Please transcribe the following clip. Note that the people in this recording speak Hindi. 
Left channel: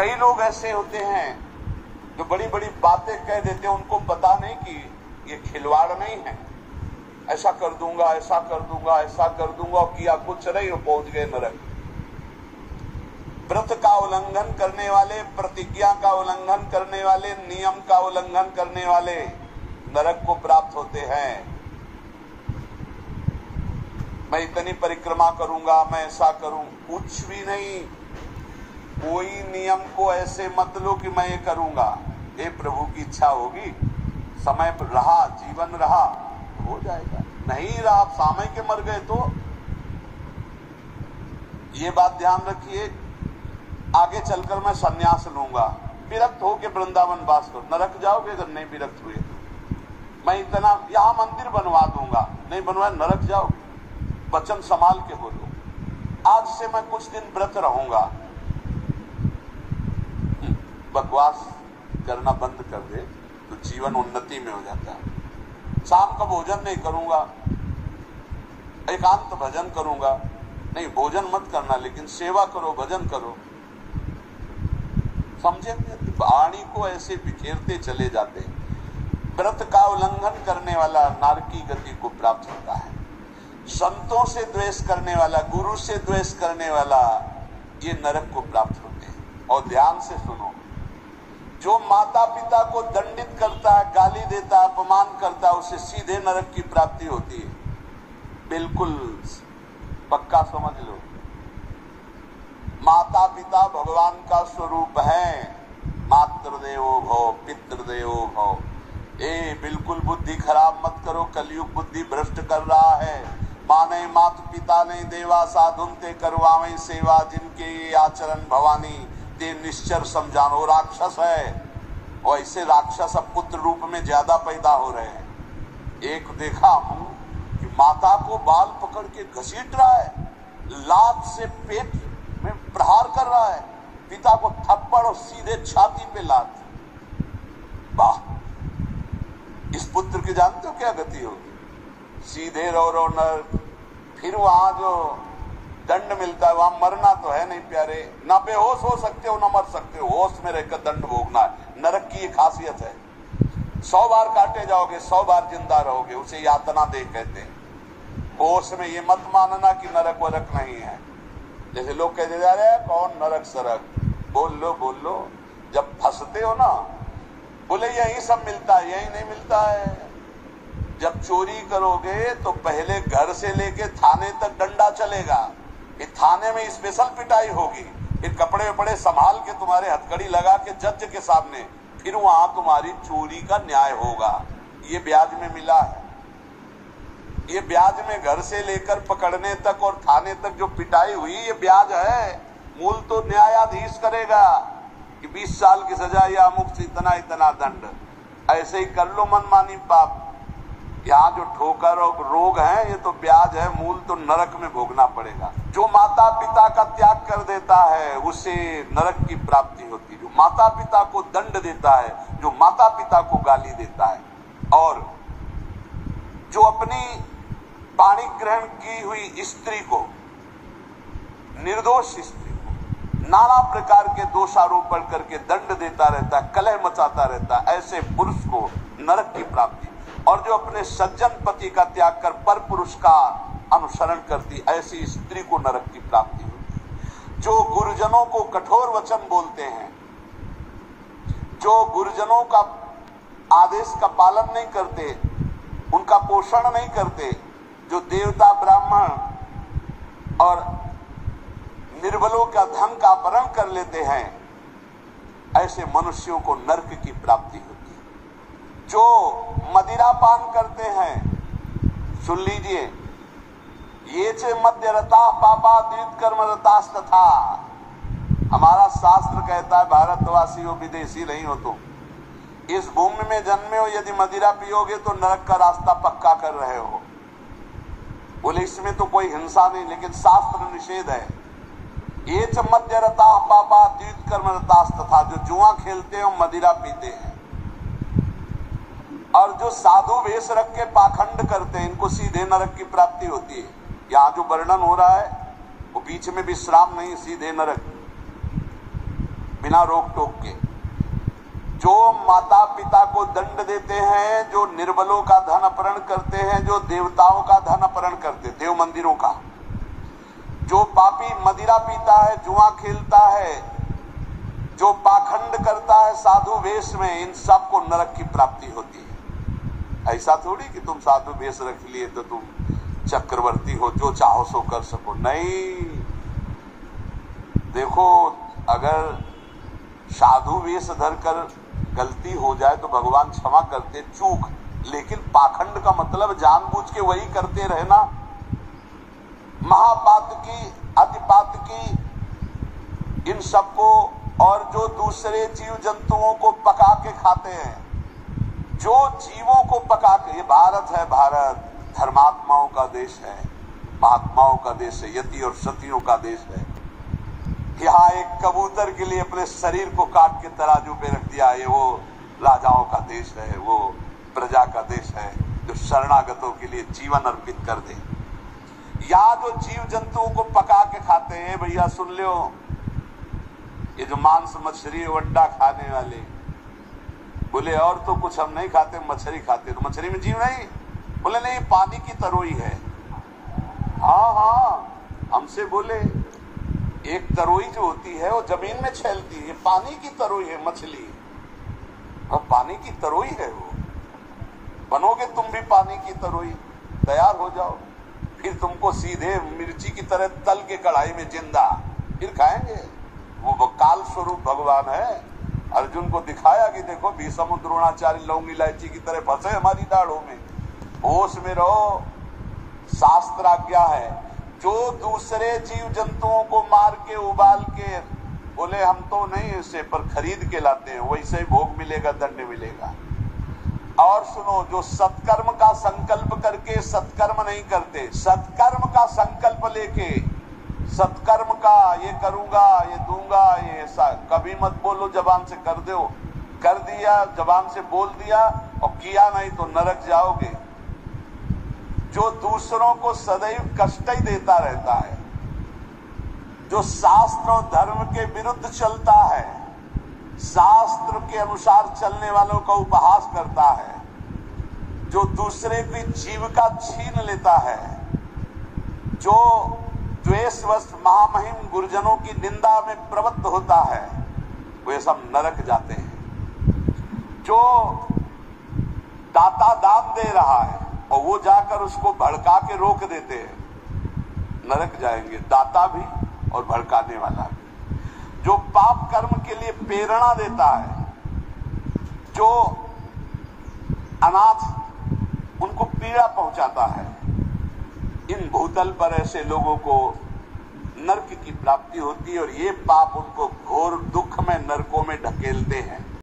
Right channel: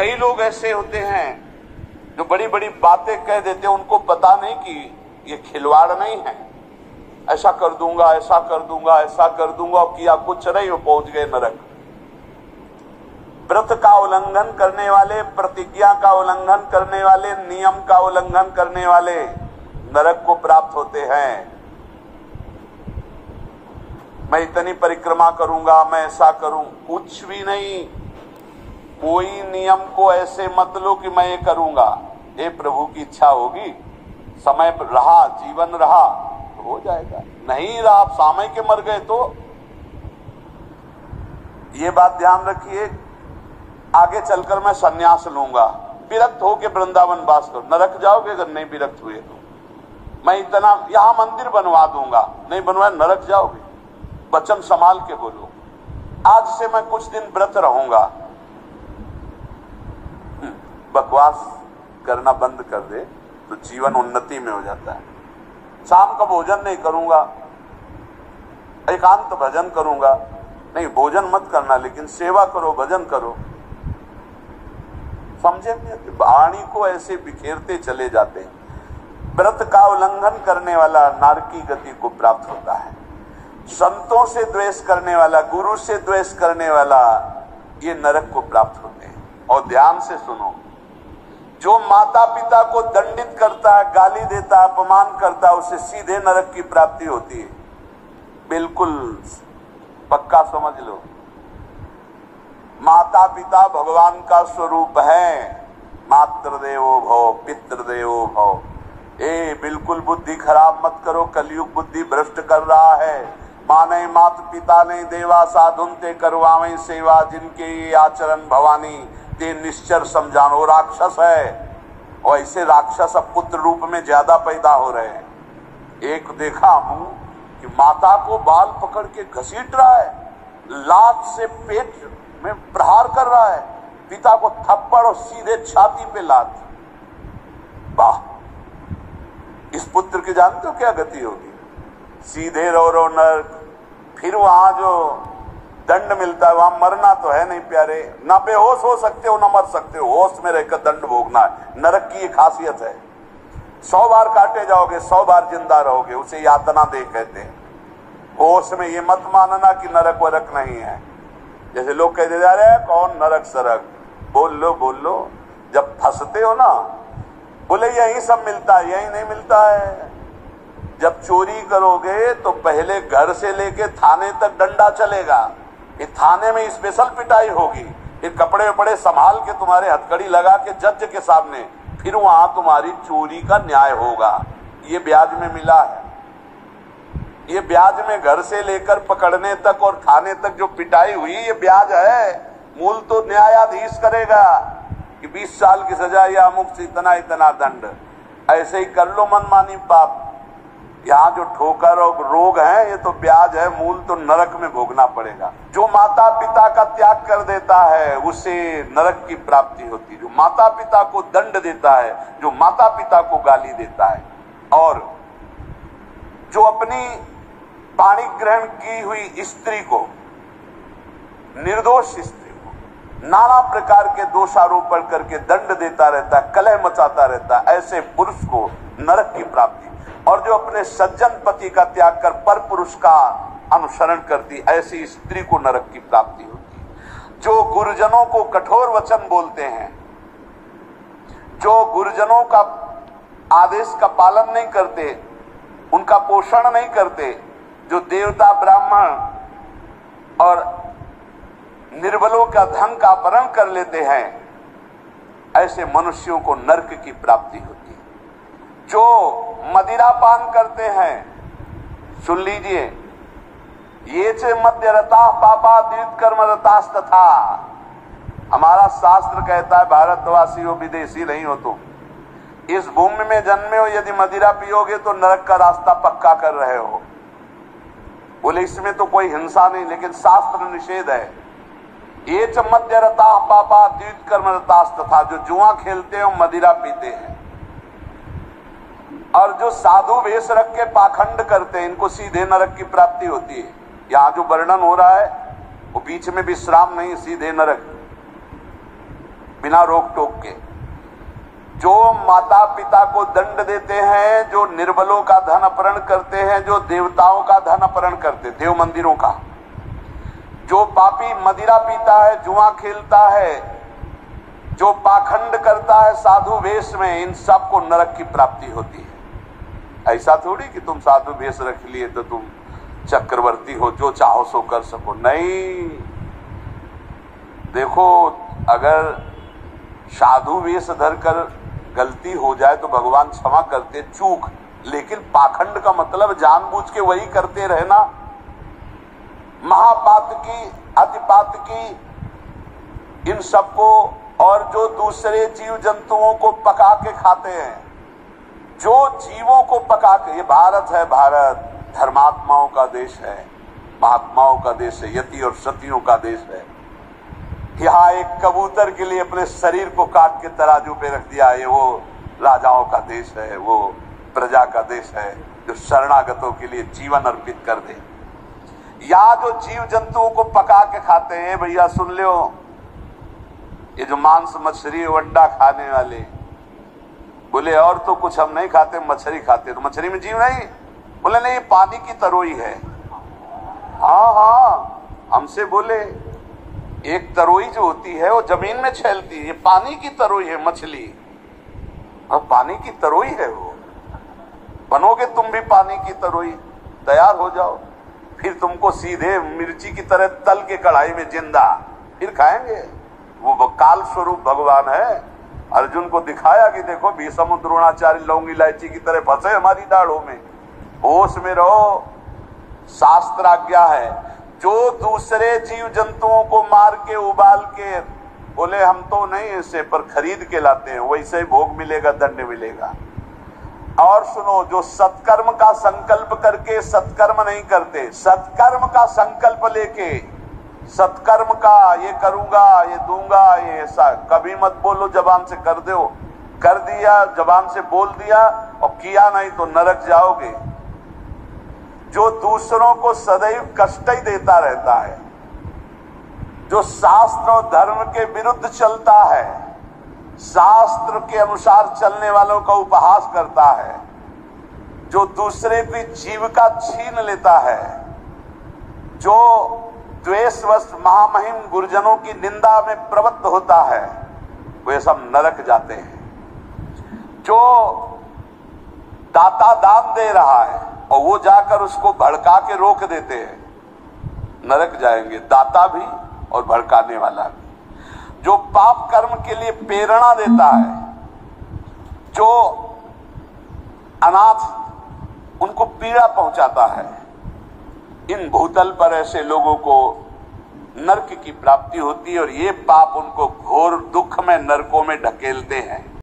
कई लोग ऐसे होते हैं जो बड़ी बड़ी बातें कह देते हैं, उनको पता नहीं कि ये खिलवाड़ नहीं है। ऐसा कर दूंगा, ऐसा कर दूंगा, ऐसा कर दूंगा, और किया कुछ नहीं, पहुंच गए नरक। व्रत का उल्लंघन करने वाले, प्रतिज्ञा का उल्लंघन करने वाले, नियम का उल्लंघन करने वाले नरक को प्राप्त होते हैं। मैं इतनी परिक्रमा करूंगा, मैं ऐसा करूं, कुछ भी नहीं। कोई नियम को ऐसे मत लो कि मैं ये करूंगा। ये प्रभु की इच्छा होगी, समय रहा, जीवन रहा तो हो जाएगा, नहीं रहा, आप सामय के मर गए तो। ये बात ध्यान रखिए, आगे चलकर मैं सन्यास लूंगा, विरक्त होके वृंदावन वास करो, नरक जाओगे अगर नहीं विरक्त हुए तो। मैं इतना यहां मंदिर बनवा दूंगा, नहीं बनवाया नरक जाओगे। वचन संभाल के बोलो, आज से मैं कुछ दिन व्रत रहूंगा। बकवास करना बंद कर दे तो जीवन उन्नति में हो जाता है। शाम का भोजन नहीं करूंगा, एकांत भजन करूंगा, नहीं भोजन मत करना लेकिन सेवा करो, भजन करो। समझे? वाणी को ऐसे बिखेरते चले जाते हैं। व्रत का उल्लंघन करने वाला नारकी गति को प्राप्त होता है। संतों से द्वेष करने वाला, गुरु से द्वेष करने वाला, ये नरक को प्राप्त होते हैं। और ध्यान से सुनो, जो माता पिता को दंडित करता है, गाली देता है, अपमान करता है, उसे सीधे नरक की प्राप्ति होती है। बिल्कुल पक्का समझ लो। माता पिता भगवान का स्वरूप है। मातृदेवो भव, पितृदेवो भव। बिल्कुल बुद्धि खराब मत करो, कलयुग बुद्धि भ्रष्ट कर रहा है। माने मात पिता ने देवा साधुन ते करवावे सेवा, जिनके ये आचरण भवानी ते निश्चर समझानो। राक्षस है, और ऐसे राक्षस अब पुत्र रूप में ज्यादा पैदा हो रहे हैं। एक देखा हूं कि माता को बाल पकड़ के घसीट रहा है, लात से पेट में प्रहार कर रहा है, पिता को थप्पड़ और सीधे छाती पे लात। वाह, इस पुत्र की जानते हो क्या गति होगी? सीधे रो नरक। फिर वहां जो दंड मिलता है, वहां मरना तो है नहीं प्यारे, ना बेहोश हो सकते हो ना मर सकते हो, होश में रहकर दंड भोगना है। नरक की ये खासियत है। 100 बार काटे जाओगे, 100 बार जिंदा रहोगे, उसे यातना देह कहते हैं। होश में ये मत मानना कि नरक वरक नहीं है। जैसे लोग कहते जा रहे हैं कौन नरक सरक, बोल लो। जब फंसते हो ना, बोले यही सब मिलता है, यही नहीं मिलता है। जब चोरी करोगे तो पहले घर से लेके थाने तक डंडा चलेगा, फिर थाने में स्पेशल पिटाई होगी, फिर कपड़े वपड़े संभाल के तुम्हारे हथकड़ी लगा के जज के सामने, फिर वहां तुम्हारी चोरी का न्याय होगा। ये ब्याज में मिला है। ये ब्याज में घर से लेकर पकड़ने तक और थाने तक जो पिटाई हुई, ये ब्याज है। मूल तो न्यायाधीश करेगा कि 20 साल की सजा या अमुक इतना दंड। ऐसे ही कर लो मनमानी पाप। यहाँ जो ठोकर और रोग है, ये तो ब्याज है, मूल तो नरक में भोगना पड़ेगा। जो माता पिता का त्याग कर देता है उसे नरक की प्राप्ति होती है। जो माता पिता को दंड देता है, जो माता पिता को गाली देता है, और जो अपनी पाणी ग्रहण की हुई स्त्री को, निर्दोष स्त्री को नाना प्रकार के दोषारोपण करके दंड देता रहता है, कलह मचाता रहता है, ऐसे पुरुष को नरक की प्राप्ति। और जो अपने सज्जन पति का त्याग कर पर पुरुष का अनुसरण करती, ऐसी स्त्री को नरक की प्राप्ति होती है। जो गुरुजनों को कठोर वचन बोलते हैं, जो गुरुजनों का आदेश का पालन नहीं करते, उनका पोषण नहीं करते, जो देवता ब्राह्मण और निर्बलों का धन का अपहरण कर लेते हैं, ऐसे मनुष्यों को नरक की प्राप्ति होती है। जो मदिरा पान करते हैं, सुन लीजिए, ये चे मद्यरता पापा द्वित कर्म रतास्तथा। हमारा शास्त्र कहता है भारतवासी हो, विदेशी नहीं हो तुम, इस भूमि में जन्मे हो, यदि मदिरा पियोगे तो नरक का रास्ता पक्का कर रहे हो। बोले इसमें तो कोई हिंसा नहीं, लेकिन शास्त्र निषेध है। ये च मद्यरता पापा द्वित कर्म रतास्तथा। जो जुआ खेलते हैं, मदिरा पीते हैं, और जो साधु वेश रख के पाखंड करते हैं, इनको सीधे नरक की प्राप्ति होती है। यहाँ जो वर्णन हो रहा है वो बीच में विश्राम नहीं, सीधे नरक। बिना रोक टोक के। जो माता पिता को दंड देते हैं, जो निर्बलों का धन अपहरण करते हैं, जो देवताओं का धन अपहरण करते, देव मंदिरों का, जो पापी मदिरा पीता है, जुआ खेलता है, जो पाखंड करता है साधु वेश में, इन सबको नरक की प्राप्ति होती है। ऐसा थोड़ी कि तुम साधु वेश रख लिए तो तुम चक्रवर्ती हो, जो चाहो सो कर सको, नहीं। देखो, अगर साधु वेश धरकर गलती हो जाए तो भगवान क्षमा करते, चूक, लेकिन पाखंड का मतलब जानबूझ के वही करते रहना, महापात की, अतिपात की, इन सबको, और जो दूसरे जीव जंतुओं को पका के खाते हैं, जो जीवों को पका के, ये भारत है, भारत धर्मात्माओं का देश है, महात्माओं का देश है, यति और सतियों का देश है। यहाँ एक कबूतर के लिए अपने शरीर को काट के तराजू पे रख दिया, ये वो राजाओं का देश है, वो प्रजा का देश है जो शरणागतों के लिए जीवन अर्पित कर दे। या जो जीव जंतुओं को पका के खाते हैं, भैया सुन लो, ये जो मांस मछली अंडा खाने वाले बोले और तो कुछ हम नहीं खाते, मछली खाते, तो मछली में जीव नहीं? बोले नहीं, पानी की तरोई है। हाँ हाँ, हमसे बोले एक तरोई जो होती है वो जमीन में छेलती है, ये पानी की तरोई है मछली, और पानी की तरोई है वो। बनोगे तुम भी पानी की तरोई, तैयार हो जाओ, फिर तुमको सीधे मिर्ची की तरह तल के कढ़ाई में जिंदा फिर खाएंगे। वो काल स्वरूप भगवान है। अर्जुन को दिखाया कि देखो भीष्म द्रोणाचार्य लौंग इलायची की तरह फंसे हमारी दाढ़ों में, होश में रहो, शास्त्र आज्ञा है। जो दूसरे जीव जंतुओं को मार के उबाल के, बोले हम तो नहीं इसे पर खरीद के लाते हैं, वैसे ही भोग मिलेगा, दंड मिलेगा। और सुनो, जो सत्कर्म का संकल्प करके सत्कर्म नहीं करते, सत्कर्म का संकल्प लेके, सत्कर्म का ये करूंगा, ये दूंगा, ये ऐसा, कभी मत बोलो जबान से कर दो, कर दिया जबान से बोल दिया और किया नहीं तो नरक जाओगे। जो दूसरों को सदैव कष्ट ही देता रहता है, जो शास्त्र और धर्म के विरुद्ध चलता है, शास्त्र के अनुसार चलने वालों का उपहास करता है, जो दूसरे की जीविका छीन लेता है, जो द्वेषवश महामहिम गुरुजनों की निंदा में प्रवृत्त होता है, वे सब नरक जाते हैं। जो दाता दान दे रहा है और वो जाकर उसको भड़का के रोक देते हैं, नरक जाएंगे, दाता भी और भड़काने वाला भी। जो पाप कर्म के लिए प्रेरणा देता है, जो अनाथ उनको पीड़ा पहुंचाता है, इन भूतल पर ऐसे लोगों को नरक की प्राप्ति होती है और ये पाप उनको घोर दुख में, नरकों में ढकेलते हैं।